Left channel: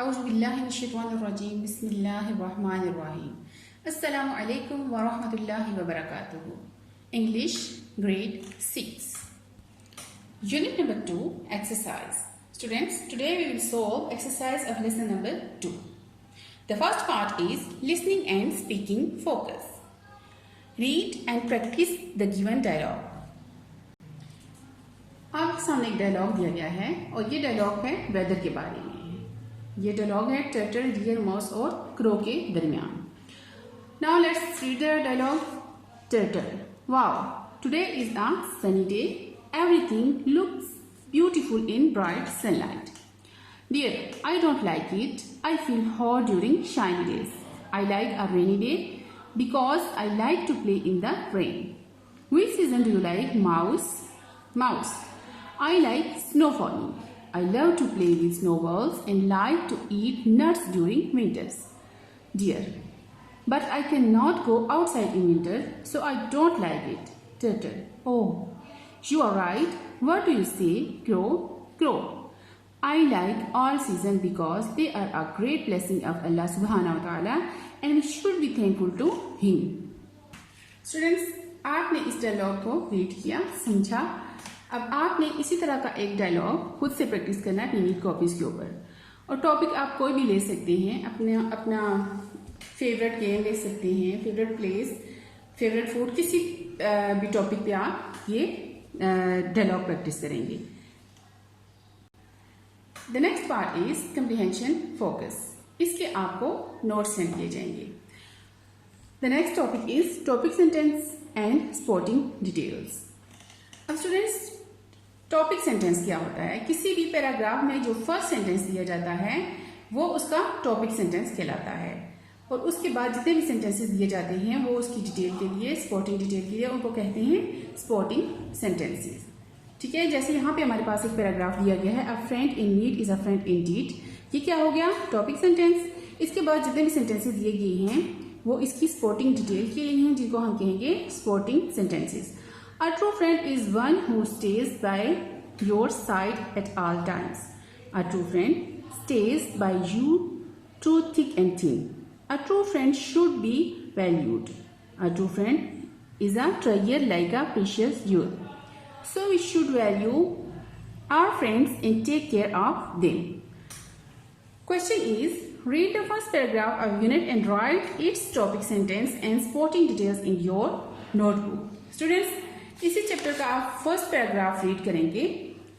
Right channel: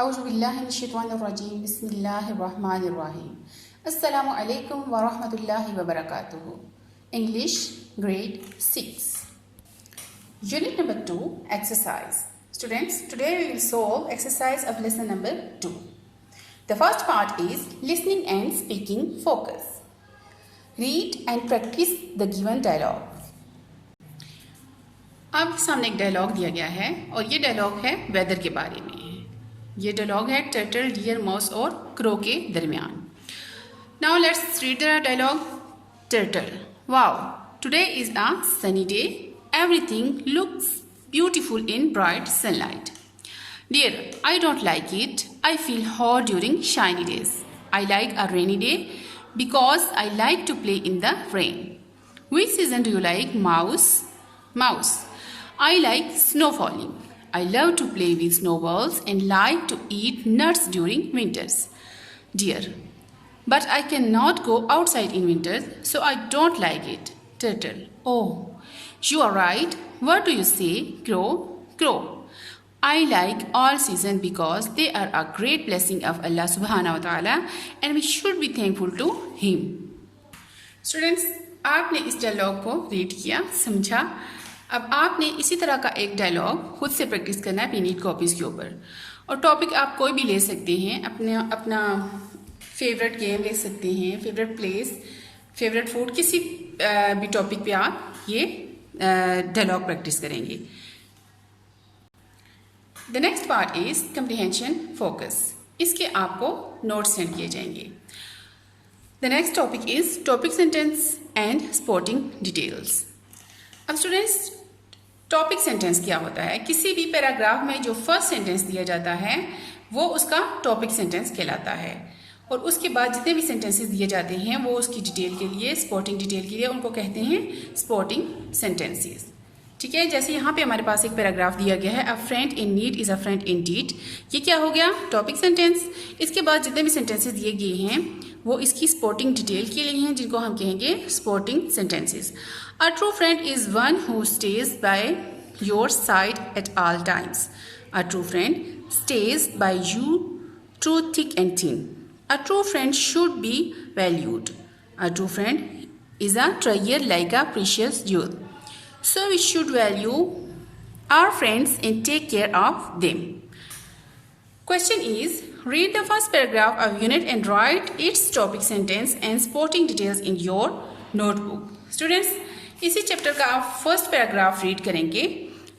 औज़ुबिल्लाहिमिनश्शैतानिर्रजीम बिस्मिल्लाहिर्रहमानिर्रहीम अस्सलामु अलैकुम वरहमतुल्लाहि वबरकातुहू। English grade 6 Unit number 2 exercise. Students, today we will solve exercise of lesson number 2. The first part is listening and speaking focus. Read and practice the given dialogue. आपके सामने एक dialogue दिया गया है और ये डायलॉग है वेदर के बारे में। ये डायलॉग है टर्टल, डियर, माउस और क्रो के दरमियान। Now let's read the dialogue. Turtle: wow, today is a sunny day, everything looks beautiful in bright sunlight. Deer: I don't like it, I feel hot during shiny days. I like a rainy day because I like to play in the rain. Which season do you like? Mouse: I like snow falling. I love to play with snowballs and like to eat nuts during winters. Dear: but I cannot go outside in winter, so I don't like it. Turtle: oh, you are right. What do you say? Crow: I like all seasons because they are a great blessing of Allah subhanahu wa ta'ala and we should be thankful to him. Students, आपने इस dialogue को read किया, समझा। अब आपने इसी तरह का एक डायलॉग खुद से प्रैक्टिस करना है अपनी नीट कॉपीज़ के ऊपर। और टॉपिक आप कोई भी ले सकते हैं, अपना फेवरेट गेम ले सकते हैं, फेवरेट प्लेस, फेवरेट फूड, किसी भी टॉपिक पे आप ये डायलॉग प्रैक्टिस करेंगे। The next part is comprehension focus. इसके आपको नोट्स सेंड किए जाएंगे। The next topic is topic sentence and sporting details. अब स्टूडेंट्स, टॉपिक सेंटेंस क्या होता है? किसी भी पैराग्राफ में जो फर्स्ट सेंटेंस दिया जाता है वो उसका टॉपिक सेंटेंस कहलाता है, और उसके बाद जितने भी सेंटेंसेस दिए जाते हैं वो उसकी डिटेल के लिए, स्पोर्टिंग डिटेल के लिए, उनको कहते हैं स्पोर्टिंग सेंटेंसेस। ठीक है, जैसे यहाँ पे हमारे पास एक पैराग्राफ दिया गया है, a friend in need is a friend in deed. ये क्या हो गया? Topic sentence. इसके बाद जितने भी सेंटेंसेस दिए गए हैं वो इसकी स्पोर्टिंग डिटेल के लिए हैं, जिनको हम कहेंगे sporting sentences. A true friend is one who stays by your side at all times. A true friend stays by you through thick and thin. A true friend should be valued. A true friend is a treasure like a precious jewel. So we should value our friends and take care of them. Question is, read the first paragraph of unit and write its topic sentence and supporting details in your notebook. Students, इसी chapter का आप first paragraph read करेंगे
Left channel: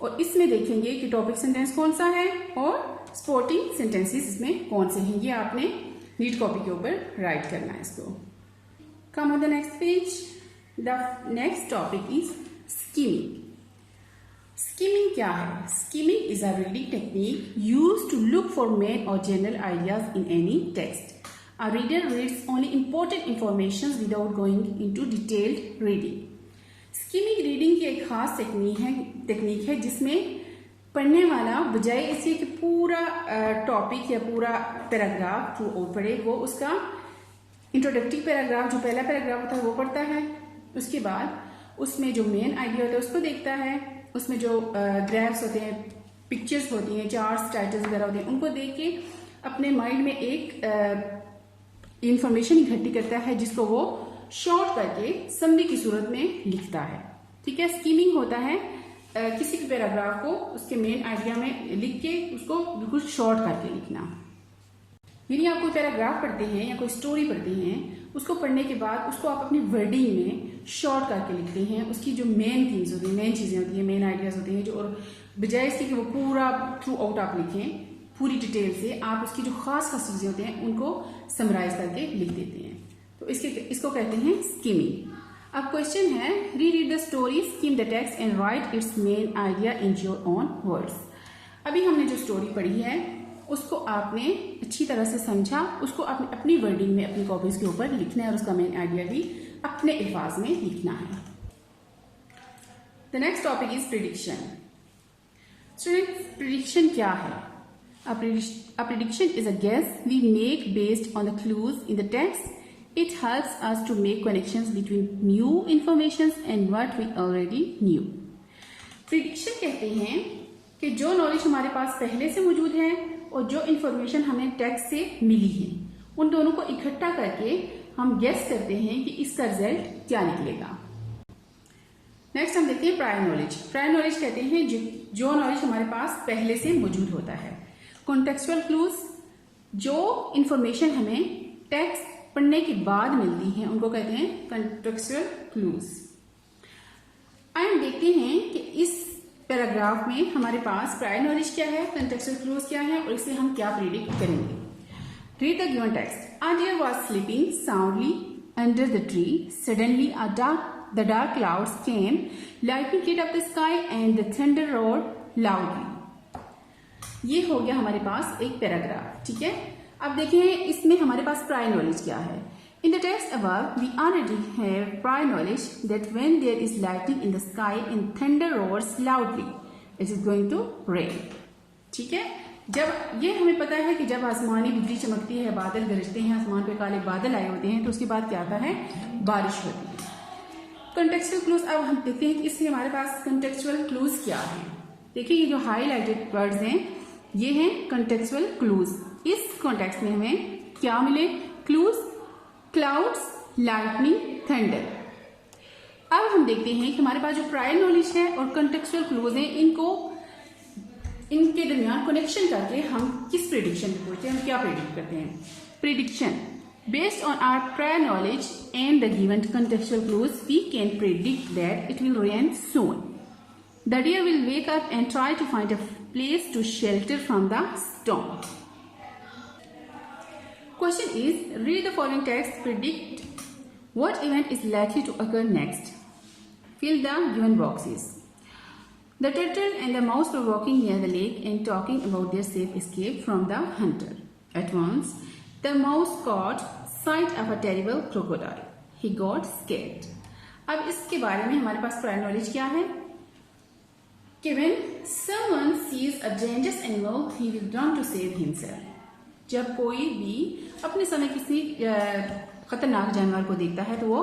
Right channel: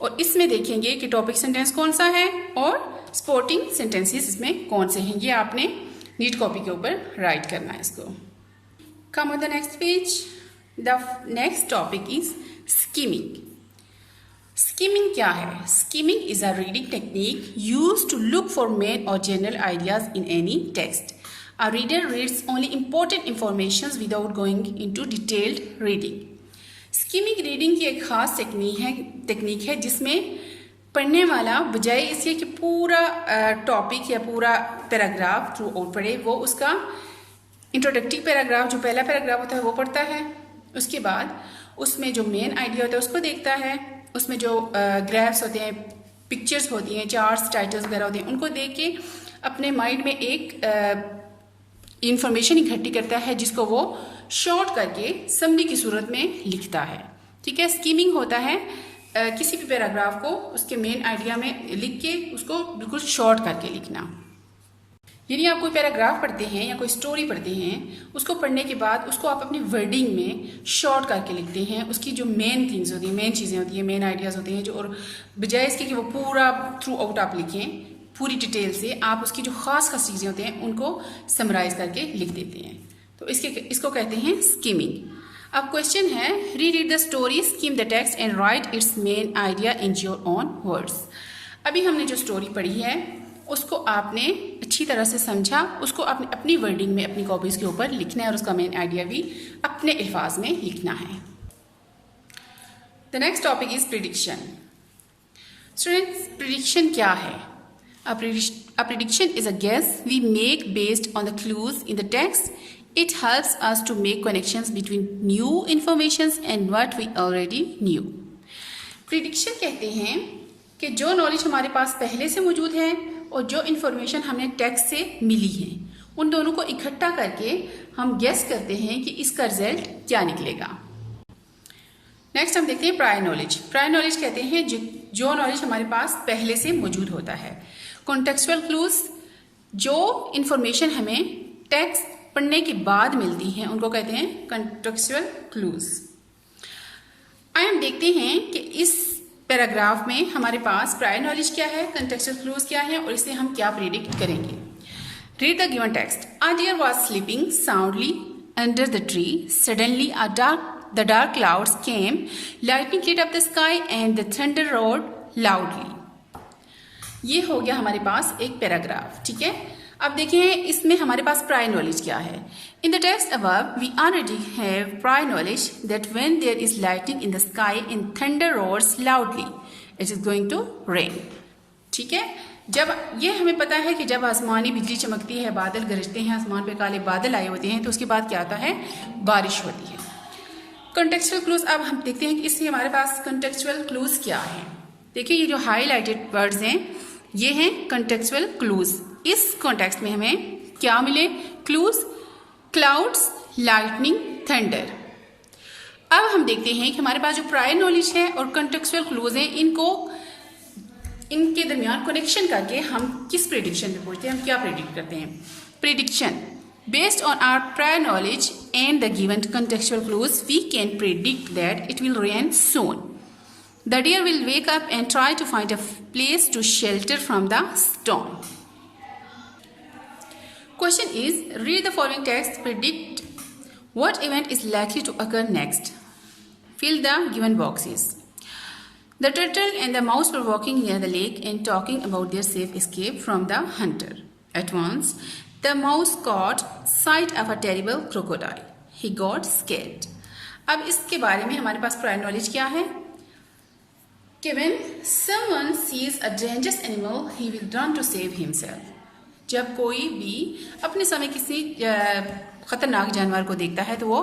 और इसमें देखेंगे कि topic sentence कौन सा है और स्पोर्टिंग सेंटेंसेस इसमें कौन से हैं। ये आपने नीट कॉपी के ऊपर राइट करना है इसको। Come on the next page. The next topic is skimming. Skimming क्या है? Skimming is a reading technique used to look for main और general ideas in any text. A reader reads only important information without going into detailed reading. Skimming reading की एक खास technique है जिसमें पढ़ने वाला बजाय इसके कि पूरा टॉपिक या पूरा पैराग्राफ थ्रू आउट पढ़े, वो उसका इंट्रोडक्टिव पैराग्राफ, जो पहला पैराग्राफ होता है वो पढ़ता है। उसके बाद उसमें जो मेन आइडिया होता है उसको देखता है। उसमें जो ग्राफ्स होते हैं, पिक्चर्स होती हैं, चार्ट्स, टाइटल्स वगैरह होते हैं, उनको देख के अपने माइंड में एक इंफॉर्मेशन इकट्ठी करता है जिसको वो शॉर्ट करके समरी की सूरत में लिखता है। ठीक है, स्कीमिंग होता है किसी भी पैराग्राफ को उसके मेन आइडिया में लिख के उसको बिल्कुल शॉर्ट करके लिखना। यानी आप कोई पैराग्राफ पढ़ते हैं या कोई स्टोरी पढ़ते हैं, उसको पढ़ने के बाद उसको आप अपनी वर्डिंग में शॉर्ट करके लिखते हैं। उसकी जो मेन थिंग्स होती हैं, मेन चीज़ें होती हैं, मेन आइडियाज़ होते हैं, जो और बजाय इसके कि वो पूरा थ्रू आउट आप लिखें पूरी डिटेल से, आप उसकी जो खास खास चीज़ें होती हैं उनको समराइज करके लिख देते हैं। तो इसको कहते हैं स्कीमिंग। अब क्वेश्चन है, read the story, scheme the text and right it's main idea in your own words. अभी हमने जो स्टोरी पढ़ी है उसको आपने अच्छी तरह से समझा, उसको आपने अपनी वर्डिंग में अपनी कॉपीज़ के ऊपर लिखना है और उसका मेन आइडिया भी अपने अल्फाज में लिखना है। The next topic is prediction. Students, prediction क्या है? A prediction is a guess we make based on the clues in the text. It helps us to make connections between new information and what we already knew. Prediction कहते हैं कि जो knowledge हमारे पास पहले से मौजूद है और जो इन्फॉर्मेशन हमें टेक्स्ट से मिली है उन दोनों को इकट्ठा करके हम गेस करते हैं कि इसका रिजल्ट क्या निकलेगा। नेक्स्ट हम देखते हैं प्रायर नॉलेज। प्रायर नॉलेज कहते हैं जो नॉलेज हमारे पास पहले से मौजूद होता है। कॉन्टेक्चुअल क्लूज, जो इन्फॉर्मेशन हमें टेक्स्ट पढ़ने के बाद मिलती हैं उनको कहते हैं कॉन्टेक्चुअल क्लूज। आइए हम देखते हैं कि इस पैराग्राफ में हमारे पास प्रायर नॉलेज क्या है, कॉन्टेक्चुअल क्लूज क्या है और इसे हम क्या प्रेडिक्ट करेंगे। Read the given text. A deer was sleeping soundly under the tree, suddenly the dark clouds came, lightning lit up the sky and the thunder roared loudly। ये हो गया हमारे पास एक पैराग्राफ, ठीक है। अब देखें इसमें हमारे पास प्रायर नॉलेज क्या है। In the text above we already have prior knowledge that when there is lightning in the sky and thunder roars loudly it is going to rain. ठीक है, जब ये हमें पता है कि जब आसमानी बिजली चमकती है, बादल गरजते हैं, आसमान पे काले बादल आए होते हैं, तो उसके बाद क्या आता है, बारिश होती है। कॉन्टेक्चुअल क्लूज, अब हम देखते हैं कि इससे हमारे पास कॉन्टेक्चुअल क्लूज क्या है। देखिए ये जो हाईलाइटेड वर्ड्स हैं ये हैं कॉन्टेक्चुअल क्लूज। इस कॉन्टेक्स्ट में हमें क्या मिले, क्लूज, क्लाउड्स, लाइटनिंग, थंडर। अब हम देखते हैं कि हमारे पास जो प्रायर नॉलेज है और कॉन्टेक्चुअल क्लूज है इनके दरमियान कनेक्शन करके हम किस प्रेडिक्शन पे पहुंचते हैं, हम क्या प्रेडिक्ट करते हैं। Prediction, based on our prior knowledge and the given contextual clues, we can predict that it will rain soon. The deer will wake up and try to find a place to shelter from the storm. Question is, read the following text, predict what event is likely to occur next. Fill the given boxes. The turtle and the mouse were walking near the lake and talking about their safe escape from the hunter. At once, the mouse caught sight of a terrible crocodile. He got scared. अब इसके बारे में हमारे पास prior knowledge क्या है कि when someone sees a dangerous animal, he will run to save himself. जब कोई भी अपने समय किसी खतरनाक जानवर को देखता है तो वो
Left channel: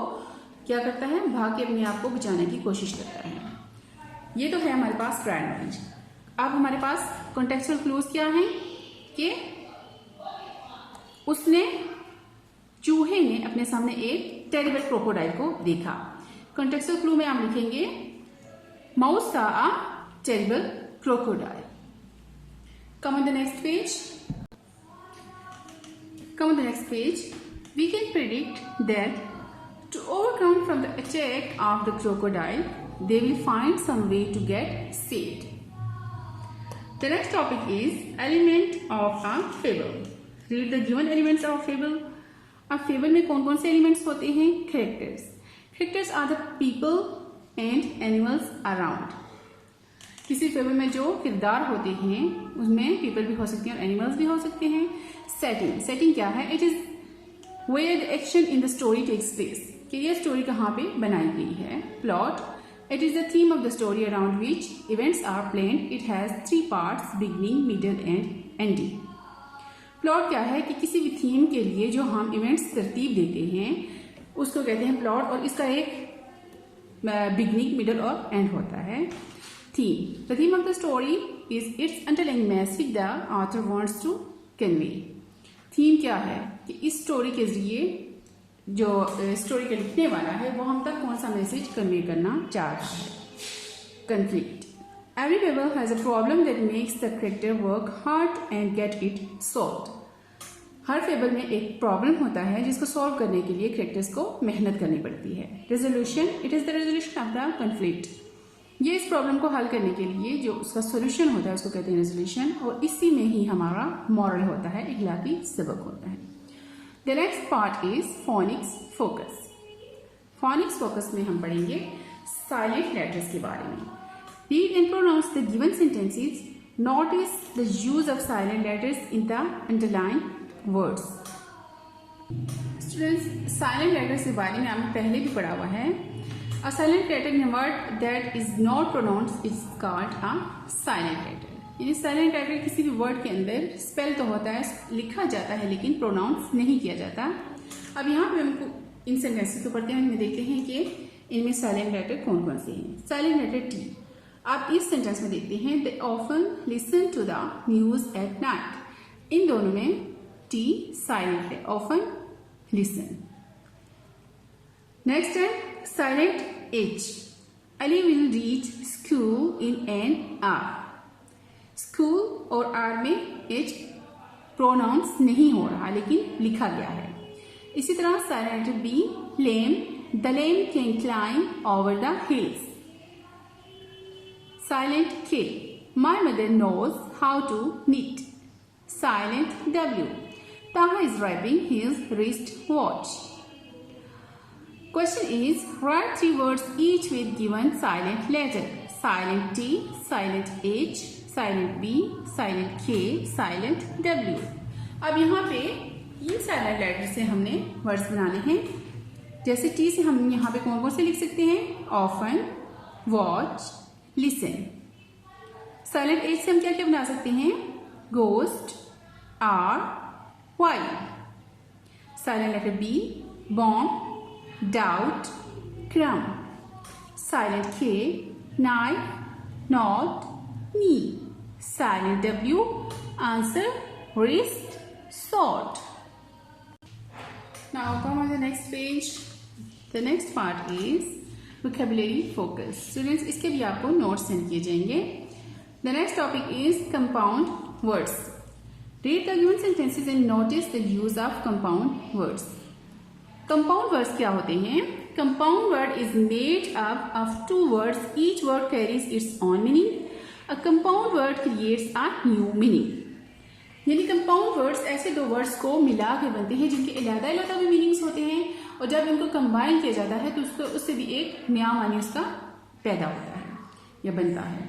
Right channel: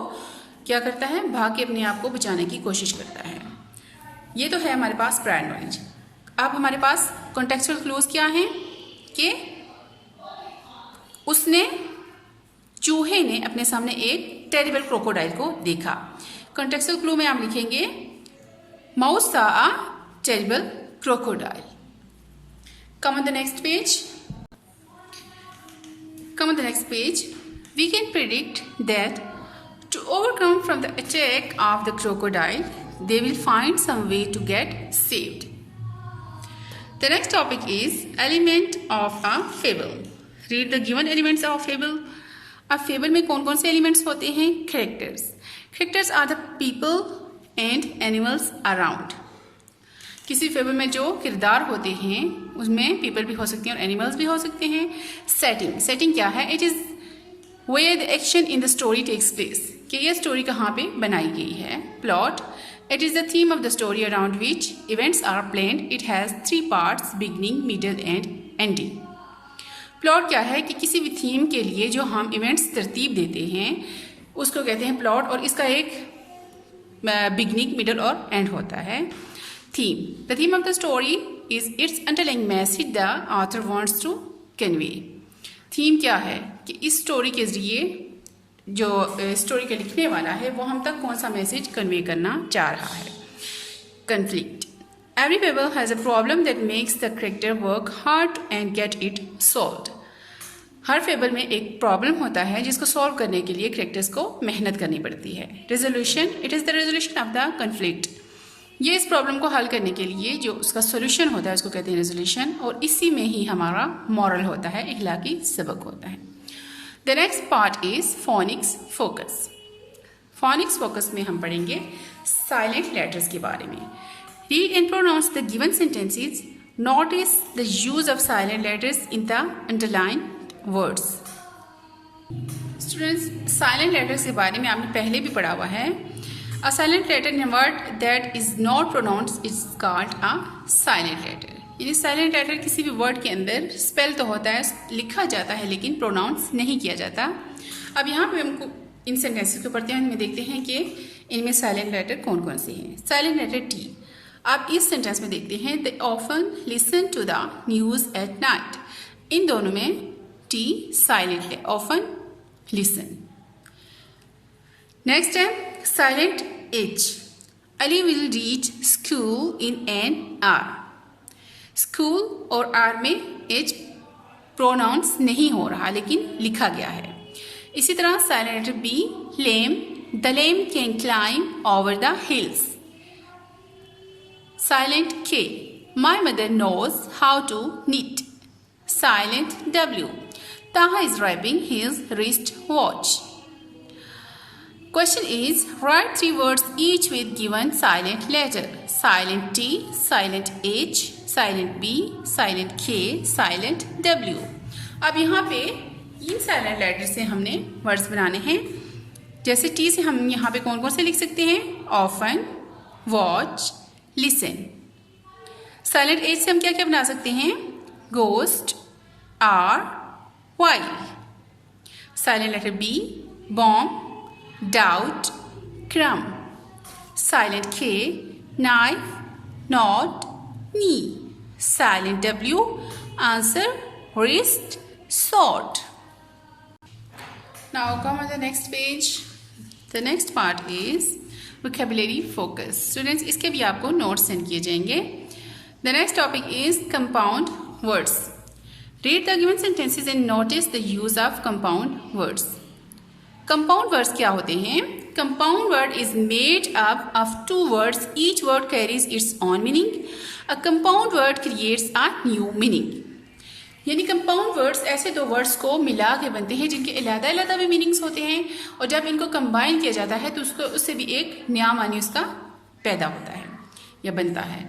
क्या करता है, भाग के अपने आप को बचाने की कोशिश करता है। ये तो है हमारे पास प्रायर नॉलेज। अब हमारे पास कॉन्टेक्चुअल क्लूज क्या है कि चूहे ने अपने सामने एक टेरिबल क्रोकोडाइल को देखा। कॉन्टेक्चुअल क्लू में आप लिखेंगे mouse saw a terrible crocodile. Come on the next page. We can predict that to overcome from the attack of the crocodile, they will find some way to get saved. The next topic is element of a fable. Read the given elements of fable. अब fable में कौन कौन से elements होते हैं, characters. Characters are the people and animals around. किसी fable में जो किरदार होते हैं उसमें पीपल भी हो सकते हैं और एनिमल्स भी हो सकते हैं। सेटिंग क्या है, it is where the action in the story takes place, कि ये स्टोरी कहाँ पे बनाई गई है। Plot, it is the theme of the story around which events are planned. It has 3 parts, beginning, middle and ending. Plot क्या है कि किसी भी थीम के लिए जो हम इवेंट्स तरतीब देते हैं उसको कहते हैं प्लॉट, और इसका एक बिगनिंग, मिडल और एंड होता है। Theme, the theme of the story is its underlying message the author wants to convey. Theme क्या है कि इस स्टोरी के जरिए जो स्टोरी के लिखने वाला है वो हम तक कौन सा मैसेज कन्वे करना चाह रहा है। Conflict, every fable has a problem that makes the character work hard and get it solved. Her fable में एक प्रॉब्लम होता है जिसको सॉल्व करने के लिए कैरेक्टर्स को मेहनत करनी पड़ती है। Resolution, it is the resolution of the conflict. ये इस प्रॉब्लम को हल करने के लिए जो उसका सोल्यूशन होता है उसको कहते हैं रेजोल्यूशन, और इसी में ही हमारा मॉरल होता है, इखलाकी सबक होता है। The next part is phoenix focus. Phoenix focus में हम पढ़ेंगे साइलेंट लेटर्स के बारे में। Read and pronounce the given sentences. Notice the use of silent letters in the underlined words. Students, silent letters के बारे में आपने पहले भी पढ़ा हुआ है। A silent letter in a word that is not pronounced is called a silent letter. यानी साइलेंट लेटर किसी भी वर्ड के अंदर स्पेल तो होता है, लिखा जाता है, लेकिन प्रोनाउंस नहीं किया जाता। अब यहाँ पे हमको इन सेंटेंसेस को पढ़ते हैं, इनमें देखते हैं कि इनमें साइलेंट लेटर कौन कौन से हैं। Silent letter T. आप इस सेंटेंस में देखते हैं, they often listen to the news at night. इन दोनों में टी साइलेंट है, ऑफन, लिसन। नेक्स्ट है silent H. Ali will reach school in an hour. School और आर में एच प्रोनाउंस नहीं हो रहा लेकिन लिखा गया है। इसी तरह silent B, lamb, the lamb can climb over the hills. Silent K, my mother knows how to knit. Silent W, Taha is wrapping his wrist watch. Question is, write 3 words each with given silent letter. Silent T, silent H, silent B, silent K, silent W. अब यहाँ पे इन silent letter से हमने words बनाने हैं। जैसे T से हम यहाँ पे कौन कौन से लिख सकते हैं? Often, watch, listen. Silent H से हम क्या क्या बना सकते हैं? Ghost, hour, why. Silent letter B, bomb, doubt, crumb. Silent K, knife, knot, knee. Silent W, answer, wrist, sword. Now come on the next page. The next part is vocabulary focus. Students, इसके भी आपको notes send किए जाएंगे. The next topic is compound words. Read the given sentences and notice the use of compound words. Compound words क्या होते हैं? Compound word is made up of 2 words. Each word carries its own meaning. A compound word creates a new meaning. यानी compound words ऐसे 2 words को मिला के बनते हैं जिनके अलग अलग भी मीनिंग्स होते हैं, और जब इनको कंबाइन किया जाता है तो उससे भी एक नया मानी उसका पैदा होता है या बनता है।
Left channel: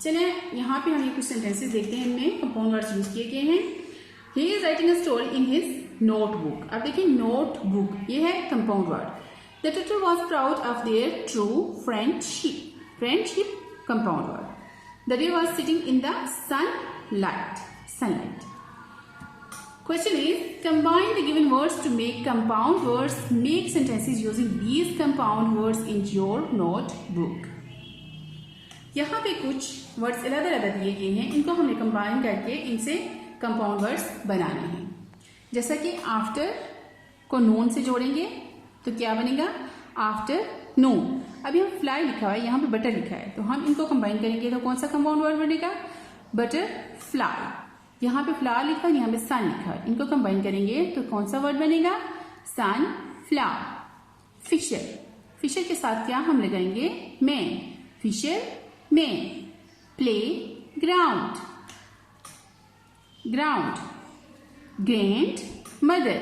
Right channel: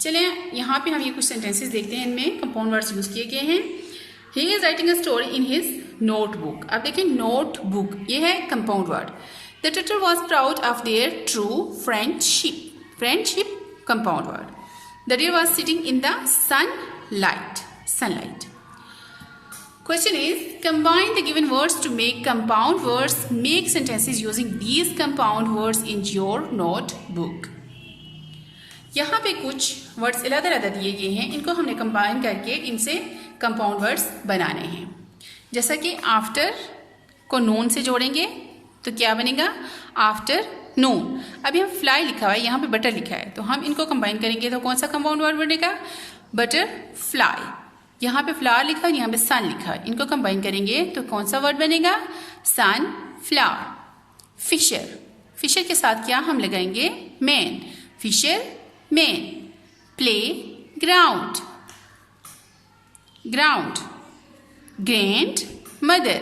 चलिए यहाँ पे हम ये कुछ सेंटेंसेस देखते हैं, इनमें कंपाउंड वर्ड्स यूज किए गए हैं। He is writing a story in his notebook. अब देखिए नोटबुक ये है compound word. The turtle was proud of their true friendship. Friendship compound word. The deer was sitting in the sunlight. Question is, combine the given words to make compound words. Make sentences using these compound words in your notebook. यहाँ पे कुछ words अलग अलग दिए गए हैं, इनको हमने कंबाइन करके इनसे कंपाउंड वर्ड्स बनाने हैं। जैसा कि आफ्टर को नून से जोड़ेंगे तो क्या बनेगा? आफ्टर नून। अभी हम फ्लाई लिखा हुआ है, यहाँ पे बटर लिखा है, तो हम इनको कंबाइन करेंगे तो कौन सा कंपाउंड वर्ड बनेगा? Butter fly. यहाँ पे फ्लावर लिखा है, यहाँ पे सन लिखा है, इनको कंबाइन करेंगे तो कौन सा वर्ड बनेगा? सन फ्लावर। फिशर, फिशर के साथ क्या हम लगाएंगे? Man. Fisher man. Play ground, ground. Grand mother.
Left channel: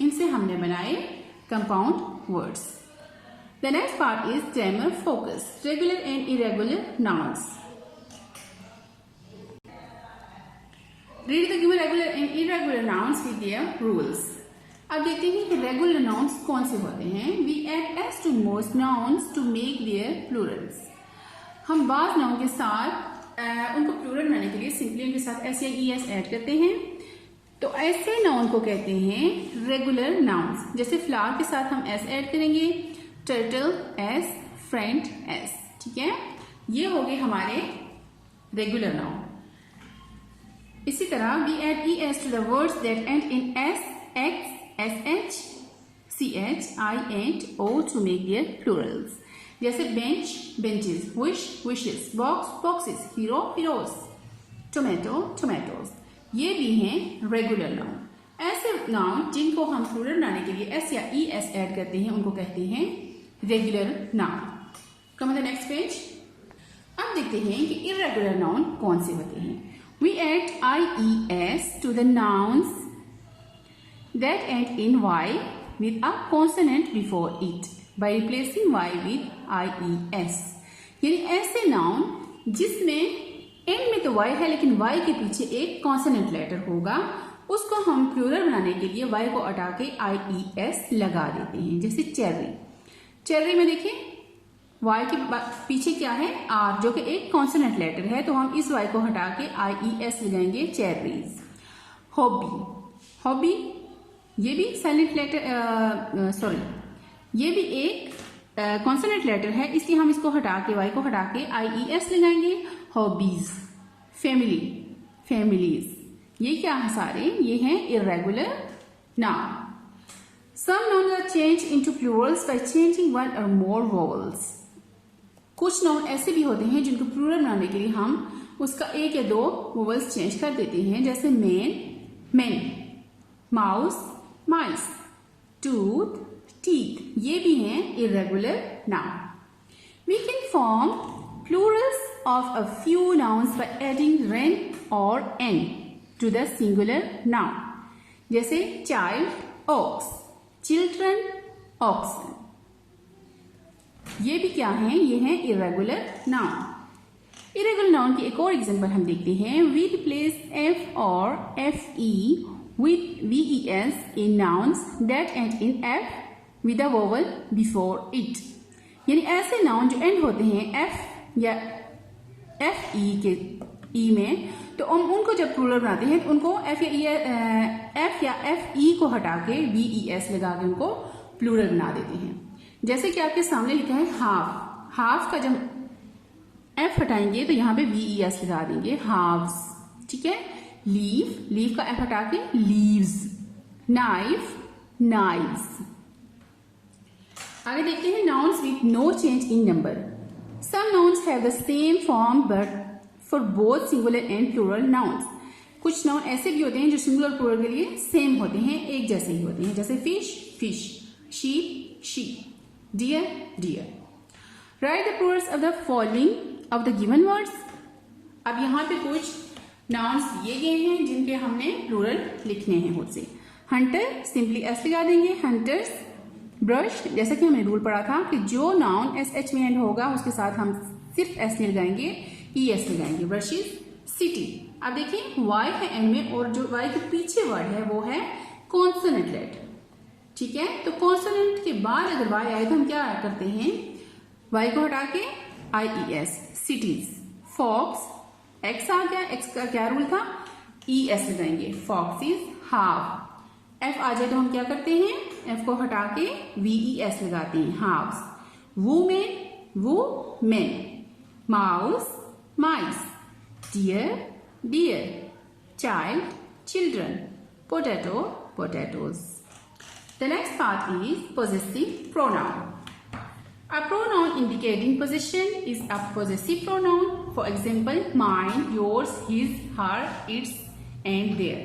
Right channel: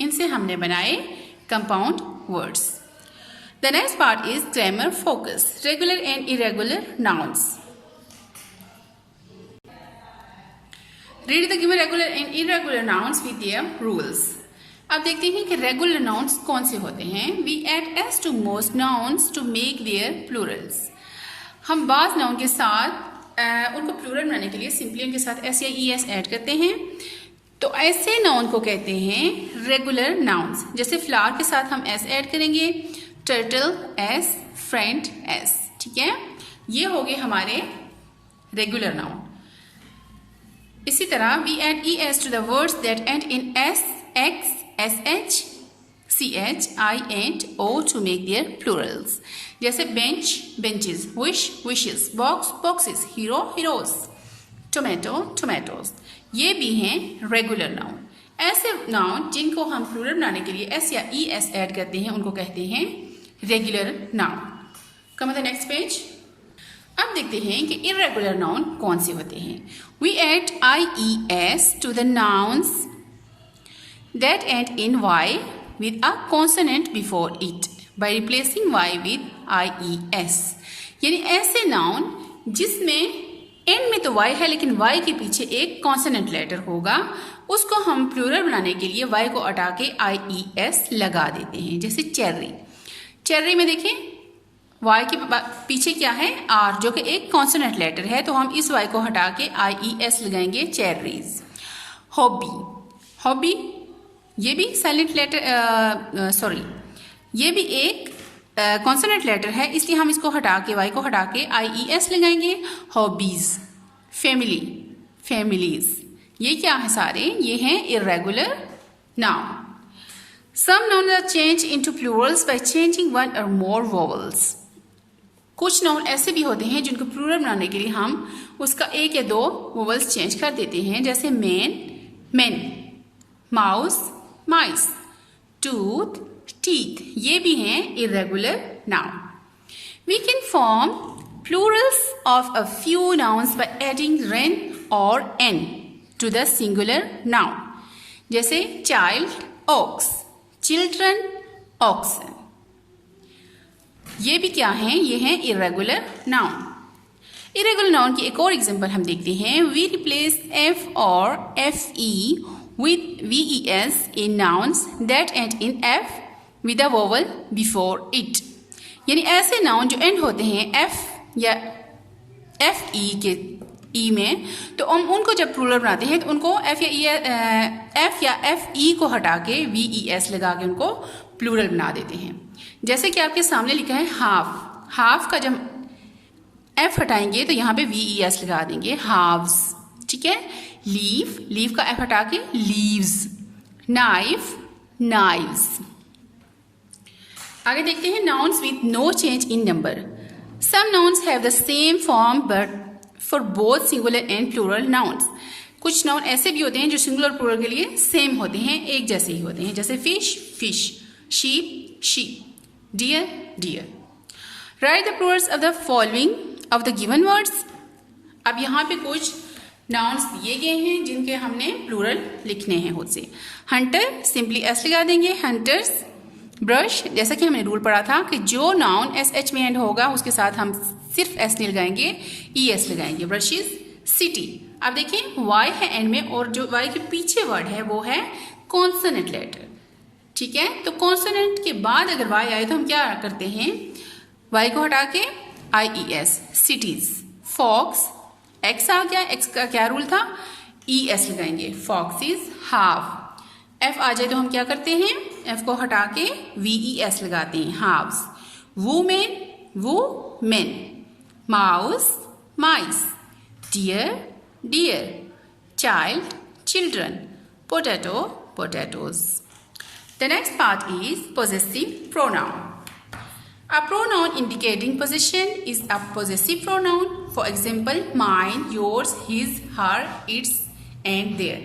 इनसे हमने बनाए compound words. The next part is grammar focus. Regular and irregular nouns. Read the given regular and irregular nouns with their rules. अब देखते हैं कि रेगुलर नाउन्स कौन से होते हैं। We add s to most nouns to make their plurals. हम बाज नाउन के साथ उनको प्लूरल बनाने के लिए सिंपली उनके साथ s या es ऐड करते हैं, तो ऐसे नाउन को कहते हैं रेगुलर नाउन्स। जैसे फ्लावर के साथ हम s ऐड करेंगे, टर्टल s, फ्रेंड s। ठीक है, ये हो गए हमारे रेगुलर नाउन। इसी तरह we add es to the words that end in s, x, sh, ch, I and o to make their plurals. जैसे bench, benches, wish, wishes, box, boxes, hero, heroes, tomato, tomatoes। ये भी हैं regular noun. ऐसे noun जिनको हम plural बनाने के लिए s या es ऐड करते हैं उनको कहते हैं regular noun. Come on the next page. अब देखते हैं कि इरेगुलर नाउन कौन से होते हैं। We add ies to the nouns that end in y with a consonant before it by replacing y with ies। यानी ऐसे नाउन जिसमें एंड में तो y है लेकिन y के पीछे एक कॉन्सोनेंट लेटर होगा, उसको हम प्लूरल बनाने के लिए y को हटा के ies लगा देते हैं। जैसे चेर्री, चेर्री में देखें y के पीछे क्या है? r, जो कि एक कॉन्सोनेंट लेटर है, तो हम इस y को हटा के ies लगाएंगे, चेरीज। हॉबी, हॉबी ये भी साइलेंट लेटर सॉरी ये भी एक कॉन्सोनेंट लेटर है, इसलिए हम इसको हटा के y को हटा के ies लगाएंगे, हॉबीज। फैमिली, फैमिलीज, ये क्या है सारे? ये हैं irregular noun. Some nouns are changed into plurals by changing one or more vowels. कुछ नाउन ऐसे भी होते हैं जिनको प्लूरल बनाने के लिए हम उसका एक या दो वोवल्स चेंज कर देते हैं, जैसे मैन, मेन, माउस, माइस, टूथ, टीथ. ये भी हैं irregular noun. We can form plurals of a few nouns by adding ren or n to the singular noun. जैसे child, ox, children, oxen. ये भी क्या हैं? ये हैं irregular noun. irregular noun की एक और एग्जांपल हम देखते हैं. We replace f or fe with ves in nouns that end in f with a vowel before it. यानी ऐसे नाउन जो एंड होते हैं f या एफ ई के ई में, तो हम उनको जब प्लूरल बनाते हैं तो उनको एफ या एफ ई को हटा के वी ई एस लगा के उनको प्लूरल बना देते हैं. जैसे कि आपके सामने लिखा है हाफ. हाफ का जब एफ हटाएंगे तो यहाँ पे वी ई एस लगा देंगे, हाफ्स. ठीक है. लीव, लीव का एफ हटा के लीव्स. Knife, knives. आगे देखते हैं nouns with no change in number. Some nouns have the same form but for both singular and plural nouns. कुछ नाउन ऐसे भी होते हैं जो सिंगुलर और प्लूरल के लिए सेम होते हैं, एक जैसे ही होते हैं, जैसे fish, fish, sheep, sheep, deer, deer. Write the plurals of the following of the given words. अब यहाँ पे कुछ नाउन्स दिए गए हैं जिनके हमने प्लूरल लिखने हैं खुद से. हंटर, सिंपली एस लगा देंगे, हंटर्स. ब्रश, जैसा कि हमने रूल पढ़ा था कि जो नाउन एस एच में एंड होगा उसके साथ हम सिर्फ एस नहीं लगाएंगे, ई एस लगाएंगे. ब्रशेस. सिटी. अब देखिए वाई है एंड में और जो वाई के पीछे वर्ड है वो है कॉन्सोनेंट लेटर. ठीक है. तो कॉन्सोनेंट के बाद अगर वाई आए तो हम क्या करते हैं? वाई को हटा के I E S. Cities. Fox, X आ गया, एक्स का क्या रूल था? ई एस लगाएंगे. फॉक्सिस. हाफ. एफ आ जाए तो हम क्या करते हैं? एफ को हटा के वी ई एस लगाते हैं. हाफ्स. वुमेन, वो men. Mouse, mice. Deer, deer. Child, children. Potato, potatoes. The next part is possessive pronoun. A pronoun indicating possession is a possessive pronoun. For example, mine, yours, his, her, its and their.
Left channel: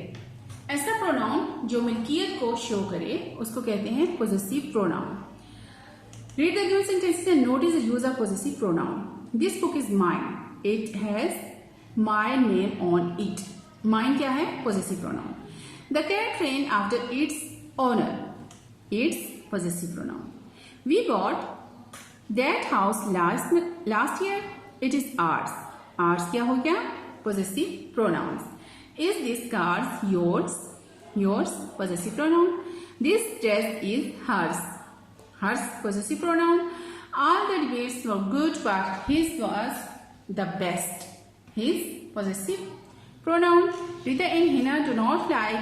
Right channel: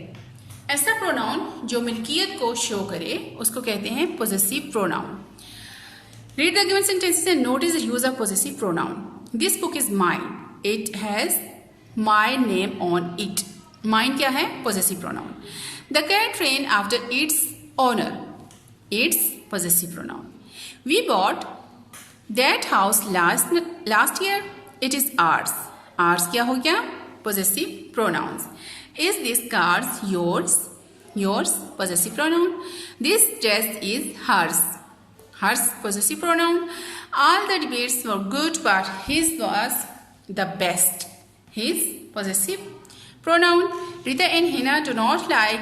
ऐसा pronoun जो मिल्कियत को show करे उसको कहते हैं possessive pronoun. Read the given sentences and notice the use of possessive pronoun. This book is mine. It has my name on it. Mine क्या है? Possessive pronoun. The cat ran after its owner. It's possessive pronoun. We bought that house last year. It is ours. Ours क्या हो गया? Possessive pronouns. Is this car yours? Yours, possessive pronoun. This dress is hers. Hers, possessive pronoun. All the debates were good, but his was the best. His, possessive pronoun. Rita and Hina do not like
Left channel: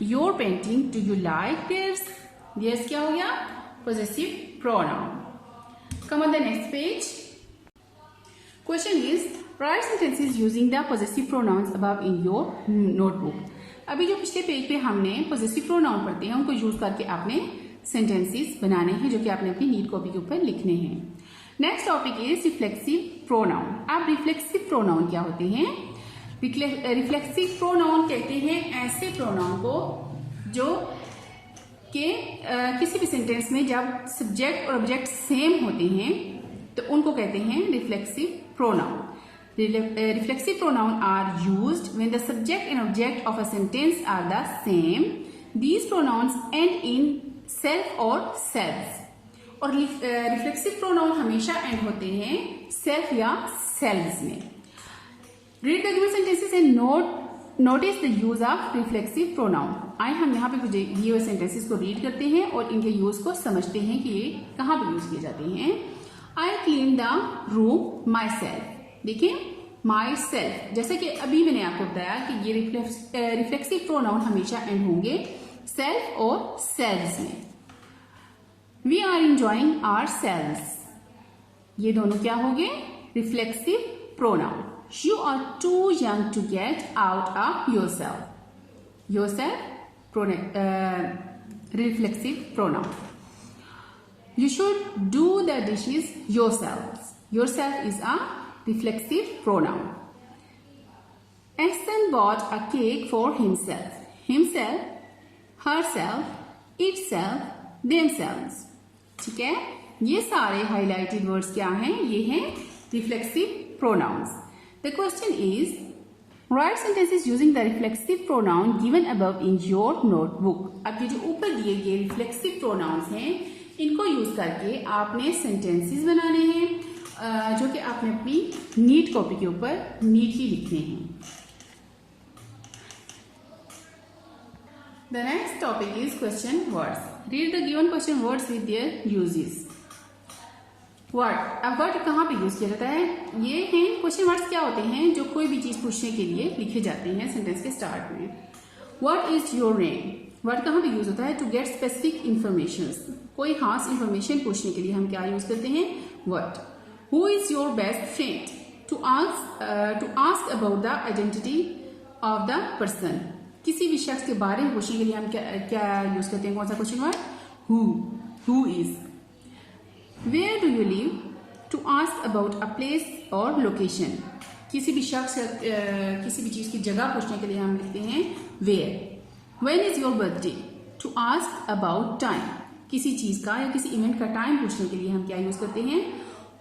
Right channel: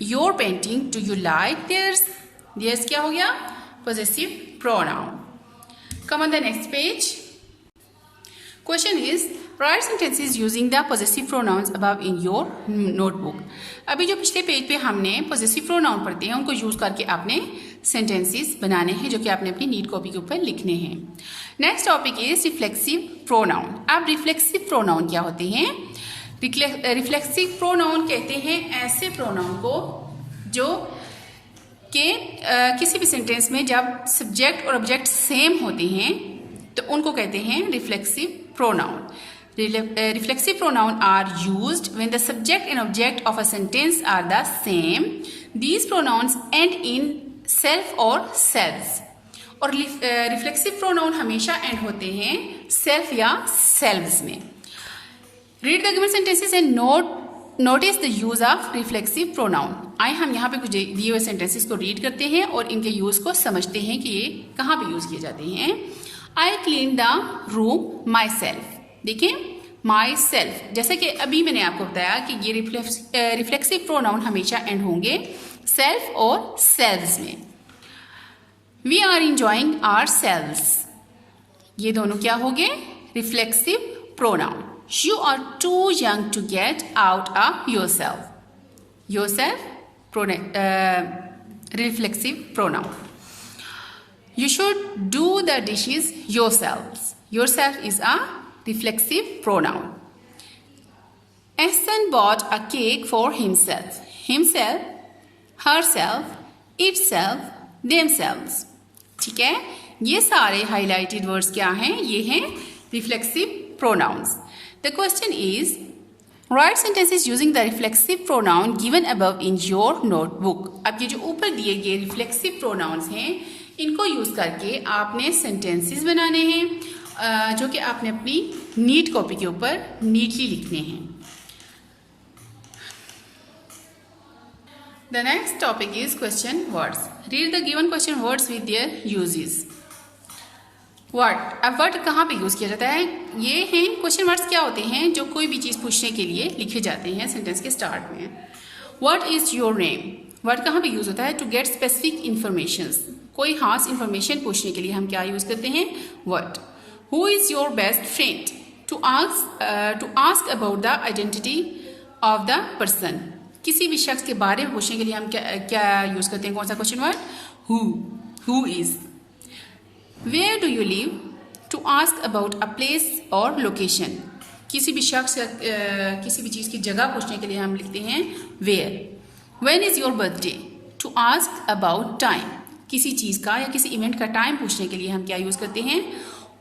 your painting. Do you like theirs? Theirs क्या हो गया? Possessive pronoun. Come on the next page. Question is, write sentences using the possessive pronouns above in your notebook. अभी जो पिछले page पे हमने possessive pronoun पढ़ते हैं उनको यूज करके आपने sentences बनाने हैं जो कि आपने अपनी नीट कॉपी के ऊपर लिखने हैं. Next topic is reflexive pronoun. अब reflexive pronoun क्या होते हैं? reflexive pronoun कहते हैं ऐसे pronoun को जो कि किसी भी सेंटेंस में जब सब्जेक्ट और ऑब्जेक्ट सेम होते हैं तो उनको कहते हैं reflexive pronoun. Reflexive pronoun are used when the subject and object of a sentence are the same. These pronouns end in self और सेल्व्स. और रिफ्लेक्सिव प्रोनाउन हमेशा एंड होते हैं सेल्फ या सेल्व्स में. Read the given sentences and notice the use of reflexive pronoun. आइए हम यहाँ पे कुछ दिए हुए सेंटेंसेस को रीड करते हैं और इनके यूज को समझते हैं कि ये कहाँ पे यूज किए जाते हैं. I clean the room my self. देखिए माई सेल्फ, जैसे कि अभी मैंने आपको बताया कि ये रिफ्लेक्सिव प्रोनाउन हमेशा एंड होंगे सेल्फ और सेल्व्स में. We are enjoying ourselves. ये दोनों क्या हो गए? Reflexive pronoun. You are too young to get out of yourself. yourself reflexive pronoun. You should do the dishes yourselves. Yourself is a reflexive pronoun. Ahsan bought a cake for himself. Himself, herself, itself, themselves. ठीक है, ये सारे highlighted words क्या हैं? ये हैं reflexive pronouns. The question is, write sentences using the reflexive pronoun given above in your notebook. अब ये जो ऊपर दिए गए reflexive pronouns हैं, इनको यूज करके आपने sentences बनाने हैं जो कि आपने अपनी नीट कॉपी के ऊपर नीटली लिखने हैं. The next topic is question words. Read the given question words with their uses. Word. अब वर्ड कहाँ पे यूज किया जाता है? ये हैं क्वेश्चन वर्ड्स. क्या होते हैं? जो कोई भी चीज़ पूछने के लिए लिखे जाते हैं सेंटेंस के स्टार्ट में. What is your name? Word कहाँ पे यूज होता है? To get specific information. कोई खास इंफॉर्मेशन पूछने के लिए हम क्या यूज करते हैं? Word. Who is your best friend? To ask about the identity of the person. किसी भी शख्स के बारे में पूछने के लिए हम क्या यूज करते हैं? कौन सा question word? Who is. Where do you live? To ask about a place or location. किसी भी शख्स किसी भी चीज़ की जगह पूछने के लिए हम लिखते हैं where. When is your birthday? To ask about time. किसी चीज़ का या किसी इवेंट का टाइम पूछने के लिए हम क्या यूज़ करते हैं?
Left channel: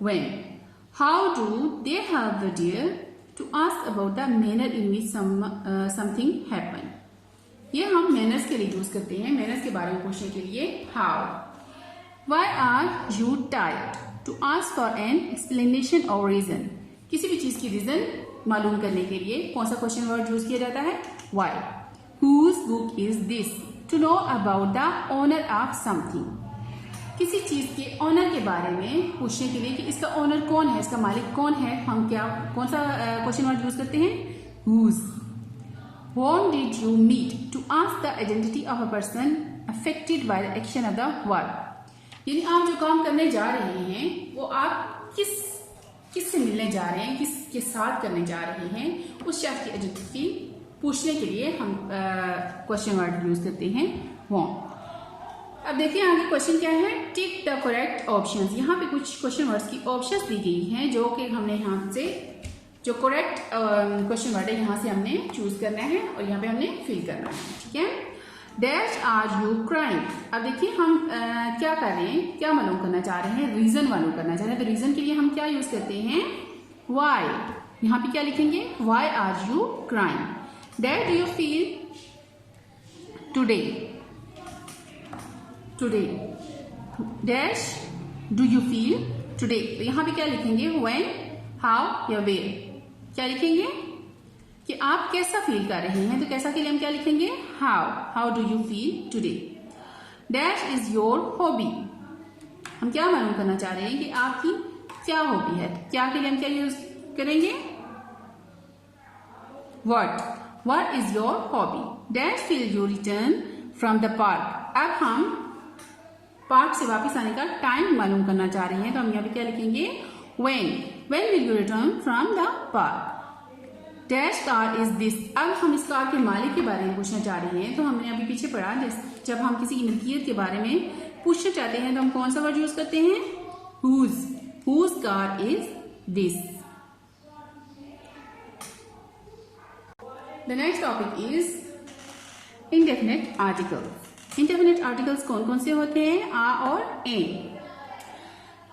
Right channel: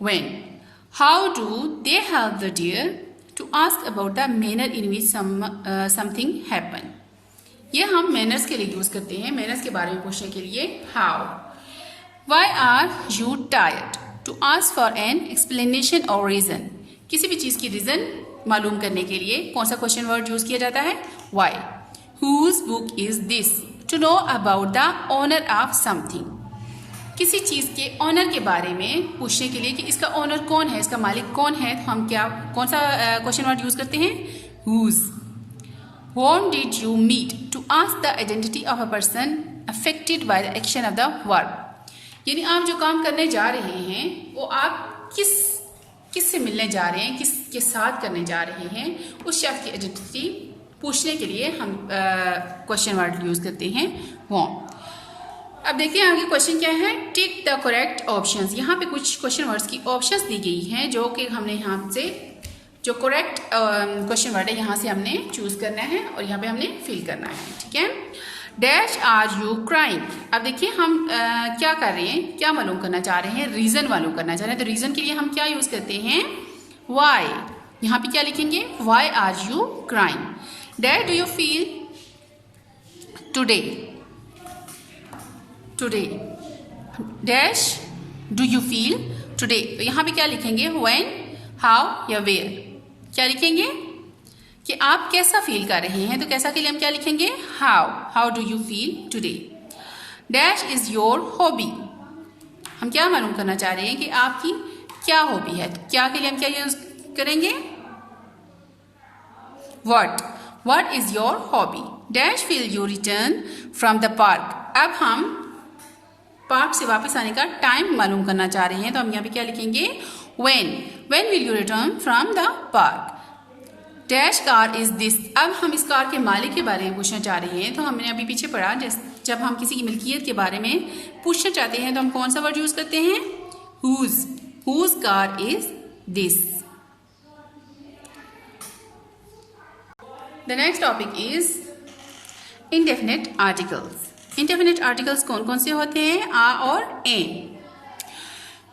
When. How do they have the deer? To ask about the manner in which something happened. ये हम मैनर्स के लिए यूज़ करते हैं. मैनर्स के बारे में पूछने के लिए how. Why are you tired? To ask for an explanation or reason. किसी भी चीज़ की रीज़न मालूम करने के लिए कौन सा क्वेश्चन वर्ड यूज़ किया जाता है? Why. Whose book is this? To know about the owner of something. किसी चीज़ के ऑनर के बारे में पूछने के लिए कि इसका ऑनर कौन है, इसका मालिक कौन है, तो हम कौन सा क्वेश्चन वर्ड यूज़ करते हैं? Whose. Whom did you meet? To ask the identity of a person affected by the action of the verb. यानी आप जो काम करने जा रहे हैं वो आप किससे मिलने जा रहे हैं, किसके साथ करने जा रहे हैं, उस शख्स की आइडेंटिटी पूछने के लिए हम क्वेश्चन वर्ड यूज़ करते हैं whom. अब देखिए आगे क्वेश्चन क्या है? Tick the correct options. यहाँ पे कुछ क्वेश्चन वर्ड्स की ऑप्शंस दी गई हैं जो कि हमने यहाँ से जो करेक्ट क्वेश्चन वर्ड है यहाँ से हमने चूज़ करना है और यहाँ पे हमने फिल करना है. ठीक है. Dash are you crying. अब देखिए हम क्या कर रहे हैं, क्या मालूम करना चाह रहे हैं? रीज़न मालूम करना चाह रहे हैं. तो रीज़न के लिए हम क्या यूज़ करते हैं? वाई. यहाँ पे क्या लिखेंगे? Why are you crying. That do you feel today. Today. Dash do you feel today. तो यहाँ पे क्या लिखेंगे? व्हेन, हाउ या वेयर. क्या लिखेंगे कि आप कैसा फील कर रहे हैं? तो कैसा के लिए हम क्या लिखेंगे? How do you feel today. Dash is your hobby. हम क्या मालूम करना चाह रहे हैं कि आपकी क्या हॉबी है. क्या के लिए हम क्या यूज करेंगे? What is your hobby. Dash will you return from the park. अब हम पार्क से वापस आने का टाइम मालूम करना चाह रहे हैं तो हम यहाँ पे क्या लिखेंगे? when will you return from the park. Dash car is this. अब हम इस कार के मालिक के बारे में पूछना चाह रहे हैं तो हमने अभी पीछे पढ़ा जब हम किसी की मिल्कियत के बारे में पूछना चाहते हैं तो हम कौन सा वर्ड यूज करते हैं? whose car is this. The next topic is indefinite articles. indefinite articles कौन कौन से होते हैं? आ और एन.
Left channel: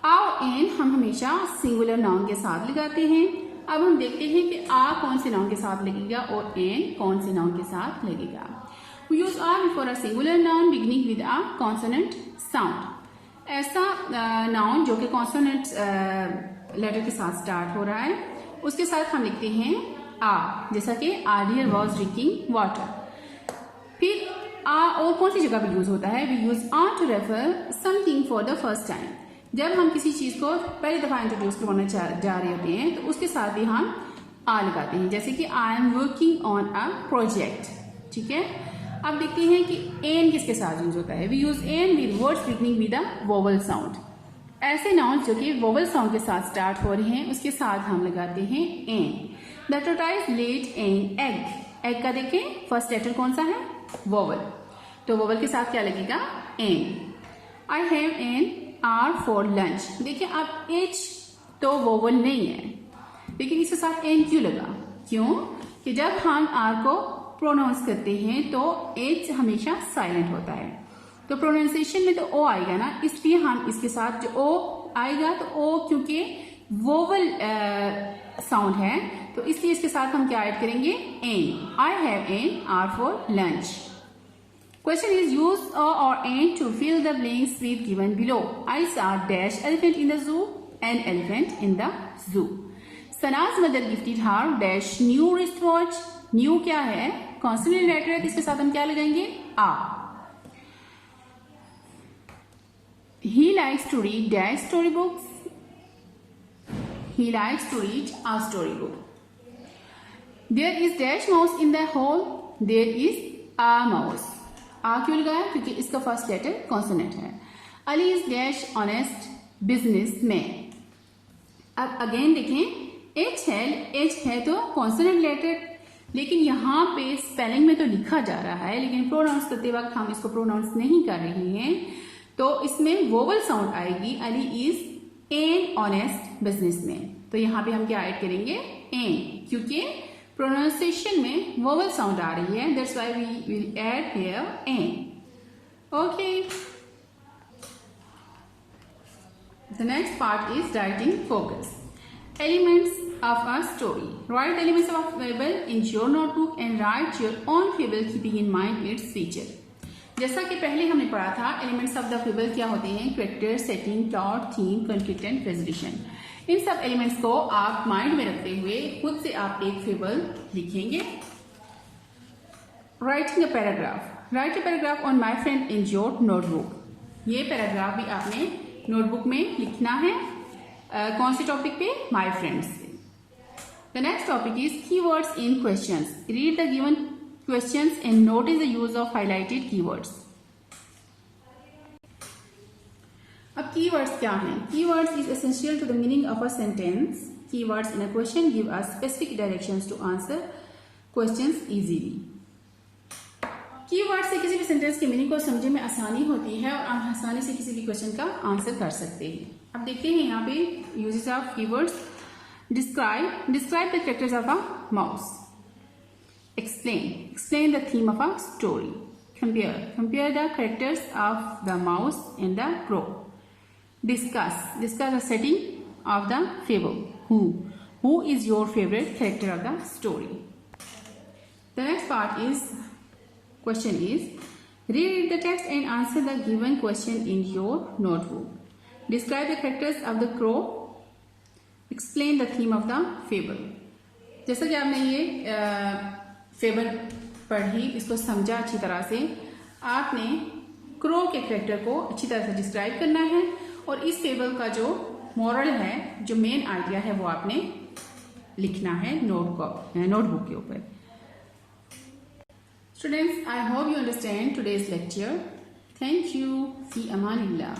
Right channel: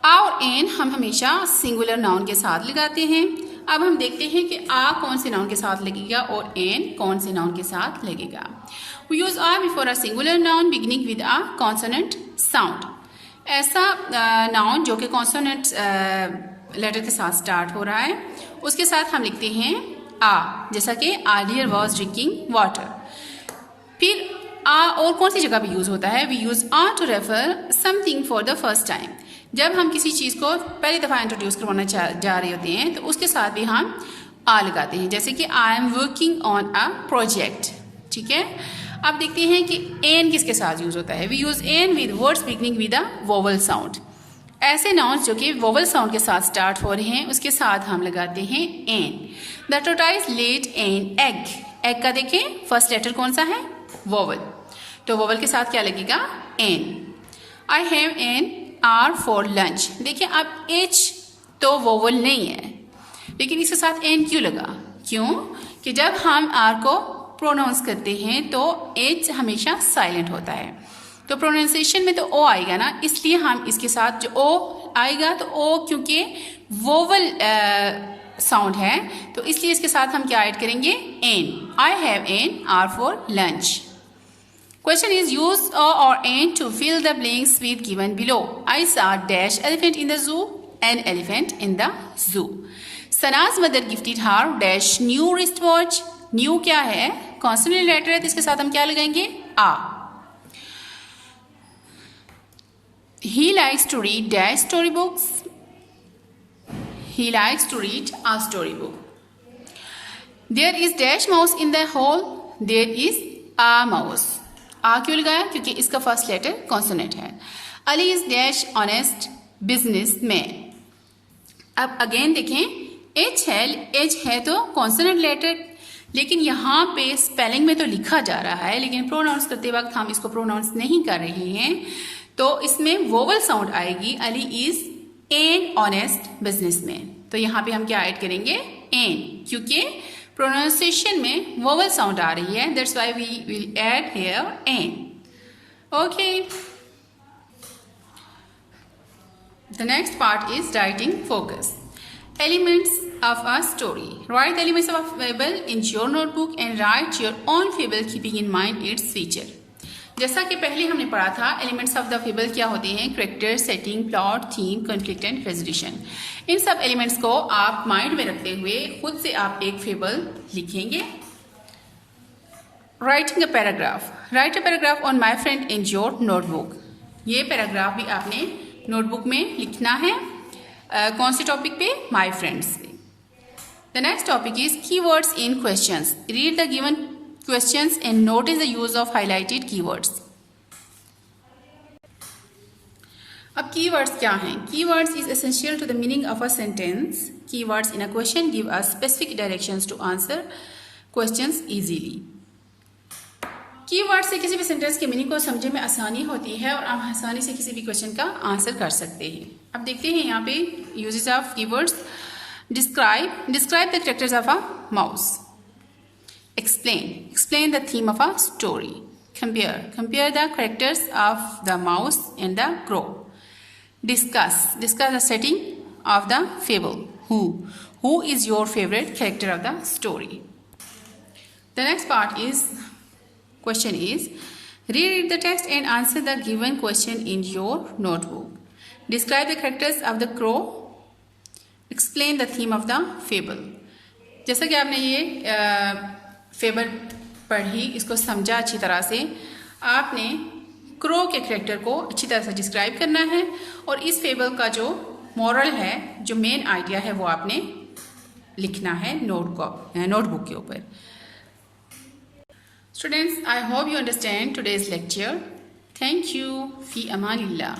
आ और एन हम हमेशा सिंगुलर नाउन के साथ लगाते हैं. अब हम देखते हैं कि आ कौन से नाउन के साथ लगेगा और एन कौन से नाउन के साथ लगेगा. We use a before a singular noun beginning with a consonant sound. ऐसा नाउन जो कि कॉन्सोनेंट लेटर के साथ स्टार्ट हो रहा है उसके साथ हम लिखते हैं आ. जैसा कि आर्डियर वॉज ड्रिंकिंग वाटर. फिर आ और कौन सी जगह पे यूज़ होता है? We use a to refer something for the first time. जब हम किसी चीज़ को पहली दफ़ा इंट्रोड्यूस करवाना जा रहे होते हैं तो उसके साथ भी हम आ लगाते हैं. जैसे कि I am working on a project. ठीक है. अब देखते हैं कि एन किसके साथ यूज़ होता है. We use an with words beginning with a vowel sound. ऐसे नाउन्स जो कि वोवल साउंड के साथ स्टार्ट हो रहे हैं उसके साथ हम लगाते हैं an. The tortoise laid an egg. Egg का देखें फर्स्ट लेटर कौन सा है, वोवल, तो वोवल के साथ क्या लगेगा, an. I have an hour for lunch. देखिए अब एच तो वोवल नहीं है, लेकिन इसके साथ एन क्यों लगा, क्यों कि जब हम आर को प्रोनाउंस करते हैं तो एच हमेशा साइलेंट होता है, तो प्रोनाउंसिएशन में तो ओ आएगा ना, इसलिए हम इसके साथ जो ओ आएगा तो ओ क्योंकि वोवल साउंड है तो इसलिए इसके साथ हम क्या ऐड करेंगे, an. I have an hour for lunch. Question is use a or an to fill the blanks with given below. I saw dash elephant in the zoo, an elephant in the zoo. Sana's mother gifted her dash new wristwatch. New क्या है, consonant letter है तो इसके साथ हम क्या लगाएंगे, a. He likes to read dash storybooks. He likes to read a storybook. There is dash mouse in the hall. There is a mouse. आ क्यों लगाया, क्योंकि इसका फर्स्ट लेटर कॉन्सोनेंट है। Ali is dash honest business man. अब again देखें H है तो consonant letter, लेकिन यहाँ पे स्पेलिंग में तो लिखा जा रहा है, लेकिन प्रोनाउंस करते वक्त हम इसको प्रोनाउंस नहीं कर रहे हैं, तो इसमें वोवल साउंड आएगी। Ali is an honest business man, तो यहाँ पे हम क्या ऐड करेंगे, एन, क्योंकि प्रोनाउंसिएशन में वोवल साउंड आ रही है, that's why we will add here an. Okay, the next part is writing focus. Elements of a story. Write the elements of a fable in your notebook and write your own fable keeping in mind its feature. जैसा कि पहले हमने पढ़ा था, elements of the fable क्या होते हैं, character, setting, plot, theme, conflict and resolution. इन सब एलिमेंट्स को आप माइंड में रखते हुए खुद से आप एक फेबल लिखेंगे। Writing a paragraph. Right a paragraph on my friend in your notebook. ये पैराग्राफ भी आपने नोटबुक में लिखना है। कौन से टॉपिक पे, माई फ्रेंड्स पे। The next topic is keywords in questions. Read the given questions and notice the use of highlighted keywords. अब keywords क्या हैं? Keywords is essential to the meaning of a sentence. Keywords in a question give us specific directions to answer questions easily. Keyword से किसी भी sentence के meaning को समझने में आसानी होती है और हम आसानी से किसी भी क्वेश्चन का आंसर कर सकते हैं। अब देखते हैं यहाँ पे uses of keywords. Describe the characters of a mouse. Explain the theme of a story. Compare the characters of the mouse and the crow. Discuss the setting of the fable. Who is your favorite character of the story? The next part is question is read the text and answer the given question in your notebook. Describe the characters of the crow. Explain the theme of the fable. जैसा कि आपने ये fable पढ़ी, इसको समझा अच्छी तरह से, आपने क्रो के कैरेक्टर को अच्छी तरह से डिस्क्राइब करना है और इस फेबल का जो मॉरल है, जो मेन आइडिया है, वो आपने लिखना है नोटबुक के ऊपर। Students, I hope you understand today's lecture. Thank you. फी अमानिल्लाह।